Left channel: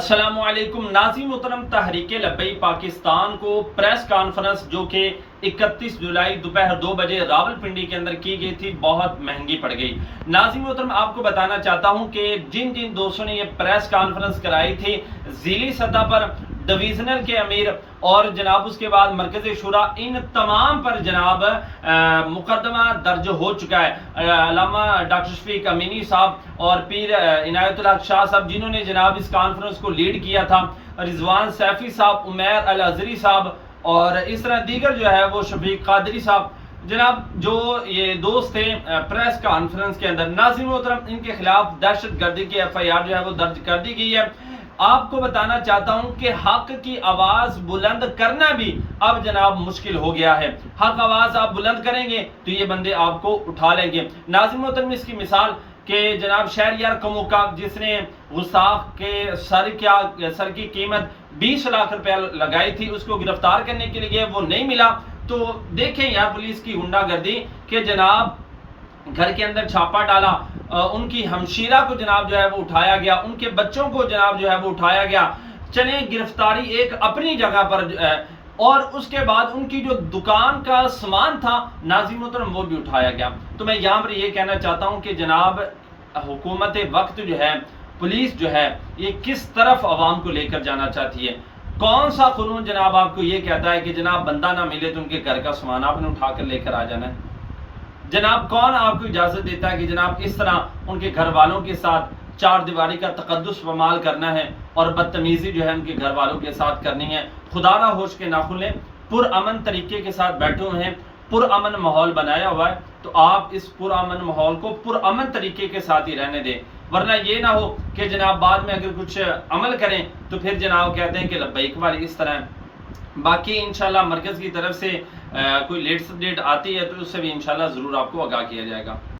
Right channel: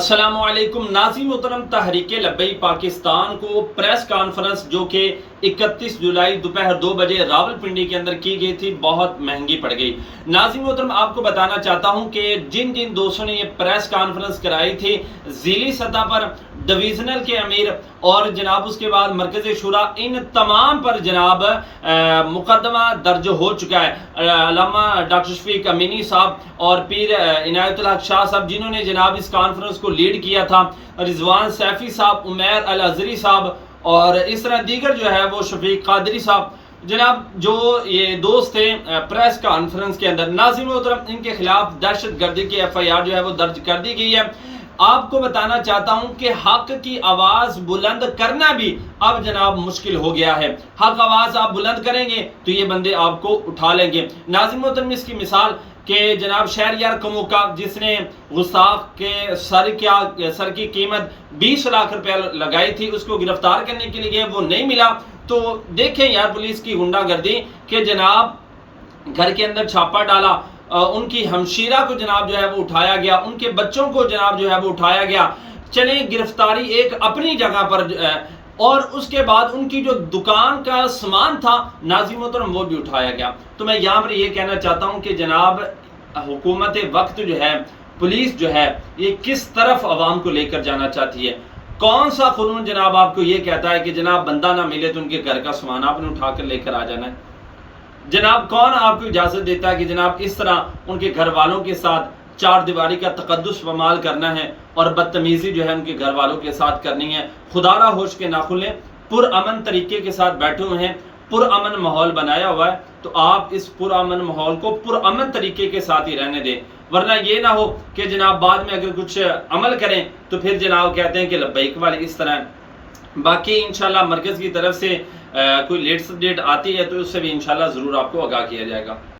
السلام علیکم ناظرین محترم، تحریک لبیک پاکستان کو پریس کانفرنس جو کہ 31 جولائی دوپہر 2 بجے راولپنڈی کے اندر کی گئی تھی بہت مہنگی پڑ گئی۔ ناظرین محترم، آپ کو بتانا چاہتا ہوں کہ جن دوستوں نے یہ پریس کانفرنس کرائی تھی ضلعی سطح پر ڈویژنل کے امیر اور جناب اس کے بعد مرکزی شورا، ان تمام پر جناب مقدمہ درج ہو چکا ہے۔ علامہ ڈاکٹر شفیق امینی صاحب اور پیر عنایت الحق شاہ صاحب جنہوں نے جناب اس کانفرنس کو لیڈ کیا تھا، رضوان سیفی صاحب، عمیر الازہری صاحب اور اس طرح دیگر جو ہے وہ شفیق قادری صاحب، جناب جو یہ دوست تھے پریس کانفرنس کے اندر۔ ناظرین محترم، ان کے خلاف دہشت گردی کی FIR جو ہے وہ درج کر دی گئی ہے۔ آپ کو بتانا چاہتا ہوں کہ حق کی آواز بلند کرنا بھی اب جناب مشکل ہو گیا ہے۔ حق آواز آپ بلند کریں گے تو یہ بندے آپ کو اٹھا لیں گے۔ ناظرین محترم، اس کی مثال کہ جناب شہریار کموکا جس نے گستاخ کے سر کی قیمت 20 لاکھ روپے لگائی تھی، اس کو گرفتار کرنے کے لیے وہ نہیں ملا، تو دیکھیں یار پولیس کی غنڈہ گردی کہ جناب گھر کے اندر چھاپا ڈالا، ان کی ہمشیرہ کو جناب جو ہے وہ اٹھایا گیا، ان کے بچوں کو جناب جو ہے وہ اٹھایا گیا۔ چلیں گرفتاری ایک اپنی جگہ پر اور اس کے بعد ان کی جو دکان کا سامان تھا ناظرین محترم وہ بھی اٹھایا گیا۔ تو میں یہاں پر یہ کہنا چاہتا ہوں کہ جناب حکومت وقت جو ہے، پولیس جو ہے، یہ کس طرف عوام کو لے کر جانا چاہتی ہے۔ کون سا قانون جناب آپ کو یہ کہتا ہے کہ جناب بندہ نہ ملے تو ان کے گھر کا سامان آپ نے اٹھا کر لے کر آ جانا ہے؟ جناب کون آپ کو اجازت دیتا ہے کہ جناب اس طرح ان کے گھر والوں کے ساتھ چار دیواری کا تقدس پامال کرنا ہے اور بدتمیزی جو ہے ان کے گھر والوں کے ساتھ کرنی ہے؟ خدا را ہوش کے ناخن لیں، پرامن طریقے کے ساتھ بیٹھے ہوئے ہیں، پرامن ماحول بنایا ہوا ہے، تو آپ اس پرامن ماحول کو پرامن طریقے کے ساتھ ہی رہنے دیں، ورنہ یہ نہ ہو کہ جناب بعد میں اگر کچھ عمل کریں تو پھر جناب کہتے ہیں کہ لبیک والے اس طرح ہیں۔ باقی انشاءاللہ مرکز کی طرف سے کوئی لیٹسٹ اپڈیٹ آتی ہے تو اس سے بھی انشاءاللہ ضرور آپ کو آگاہ کیا جائے گا۔